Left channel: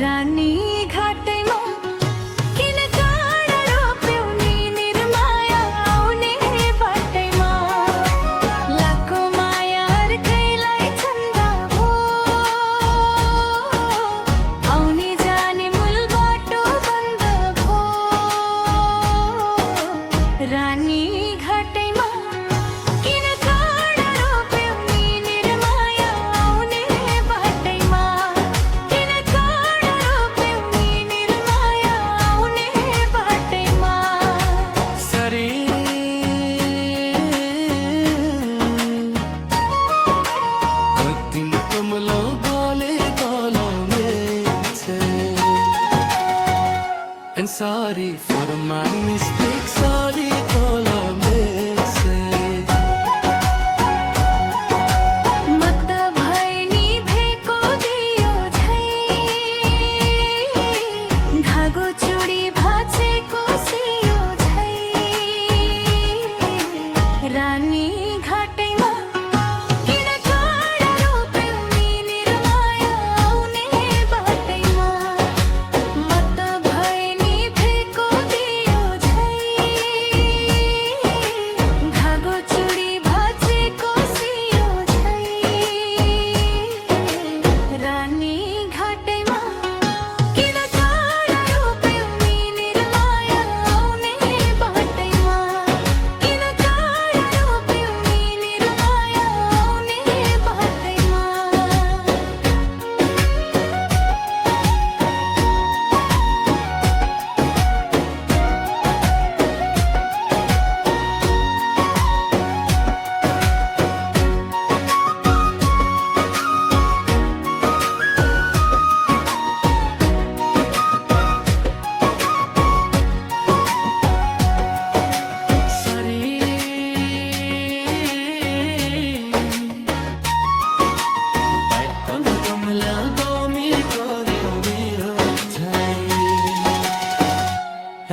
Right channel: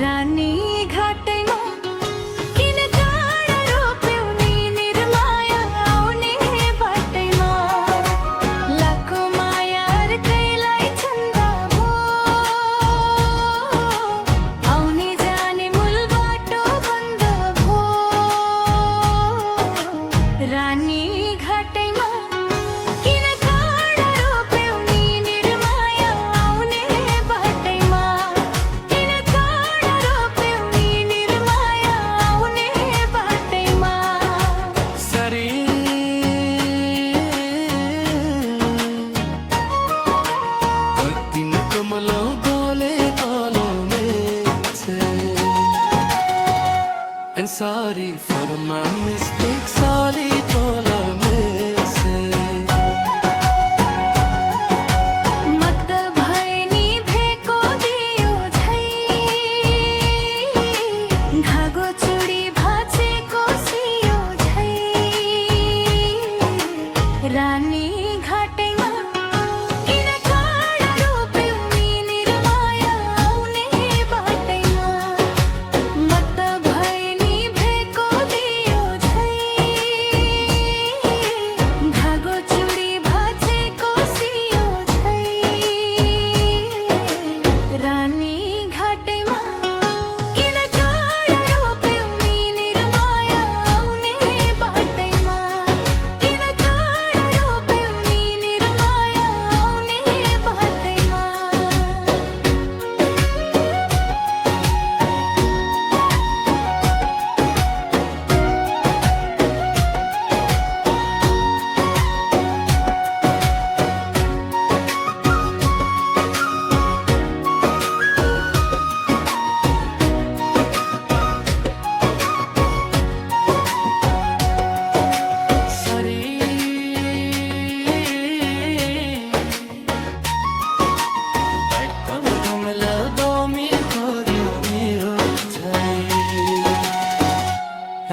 रानी घाटैमा किन काँडा रोप्यौ नि निर्माया आउने बाटैमा लाखो माया अर्कैलाई छन्दा भो आउने जाने मूल बाटो बन्द भो रानी घाटैमा किन काँडा रोप्यौ नि निर्माया आउने बाटैमा किन काँडा रोप्यौ नि निर्माया आउने बाटैमा सरी दिन कमलो गले तलो में छे And sorry for my mistakes, sorry तलो में से मत भए नि भेको दियो झै धागो चुडी भाँचेको सियो झै रानी घाटैमा किन काँडा रोप्यौ नि निर्माया आउने बाटैमा मत भए नि भेको दियो झै धागो चुडी भाँचेको सियो झै रानी घाटैमा किन काँडा रोप्यौ नि निर्माया आउने बाटैमा किन काँडा रोप्यौ नि निर्माया आउने बाटैमा सरी बैठल कमलो गोमी को दियो छै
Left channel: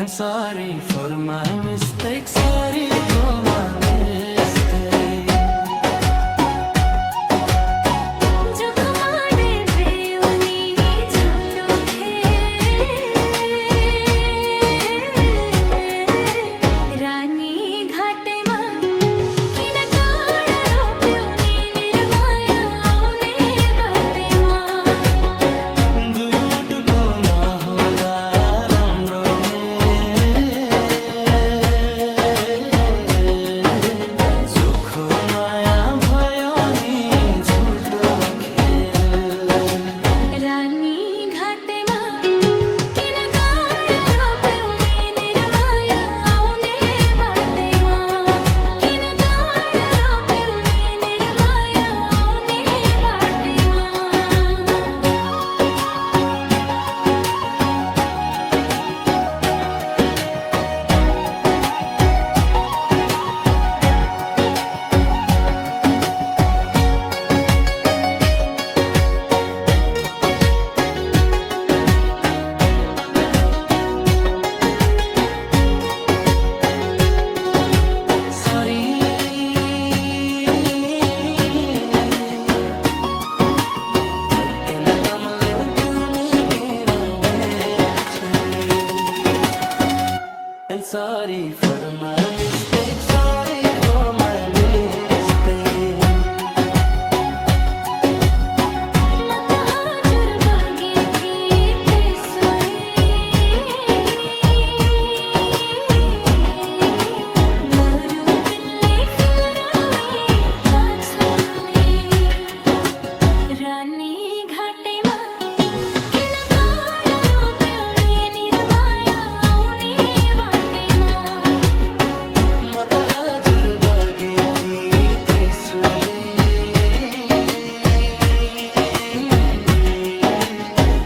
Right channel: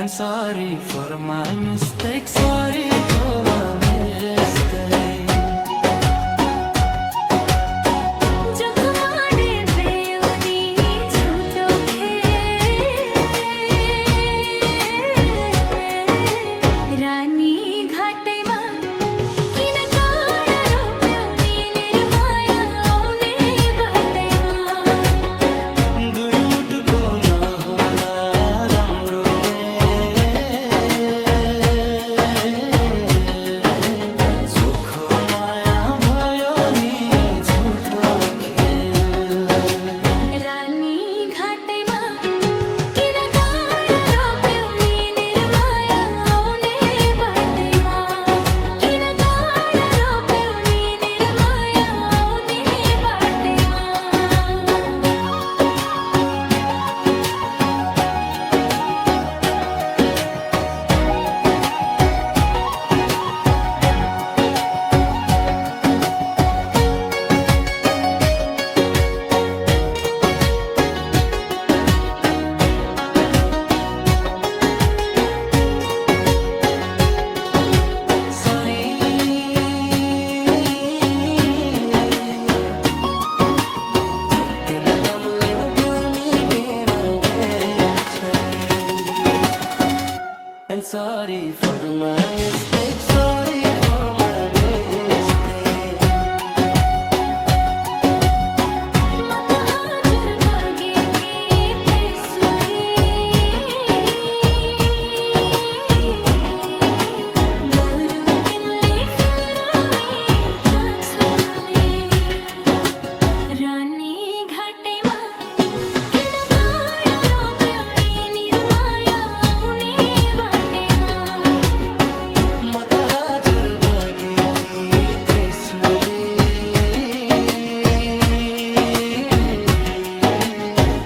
And sorry for my mistakes, sorry for my mistakes जख माडे बेउनी झुटो रानी घाटैमा किन काँडा रोप्यौ नि निर्माया आउने बाटैमा दुई मुटुको नहोदा राम्रो सुखो माया भयो नि झुटो खेल रानी घाटैमा किन काँडा रोप्यौ नि निर्माया आउने बाटैमा किन काँडा रोप्यौ नि निर्माया आउने बाटैमा Sorry I cannot come live give me And sorry for my mistakes, sorry for my mistakes मत हजुर बगेकी त्रिशूली बरु किनले फुरावे चाचुली रानी घाटैमा किन काँडा रोप्यौ नि निर्माया आउने बाटैमा म त हजुर बगेकी त्रिशूली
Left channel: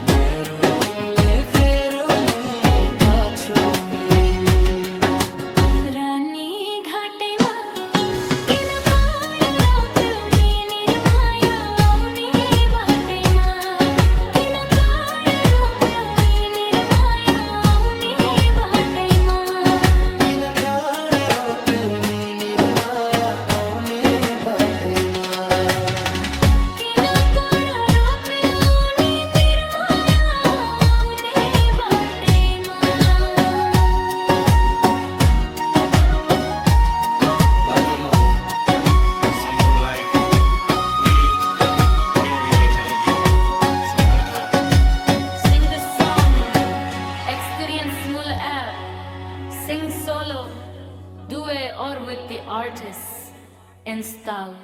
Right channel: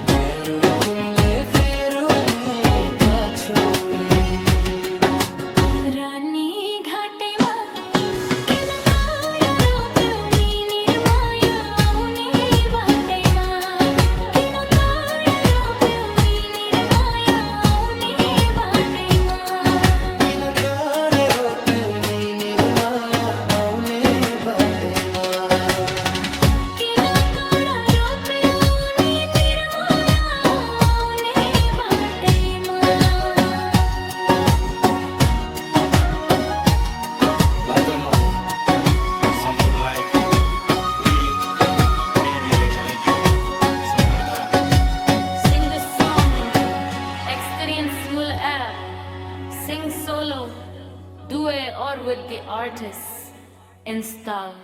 भैरो तिमीले फेरो नि चाचोली रानी घाटैमा किन काँडा रोप्यौ नि निर्माया आउने बाटैमा किन काँडा रोप्यौ नि निर्माया आउने बाटैमा किन काँडा रोप्यौ नि निर्माया आउने बाटैमा किन काँडा रोप्यौ नि निर्माया experience Mul app. Sing solo, duet or with the artists. Install.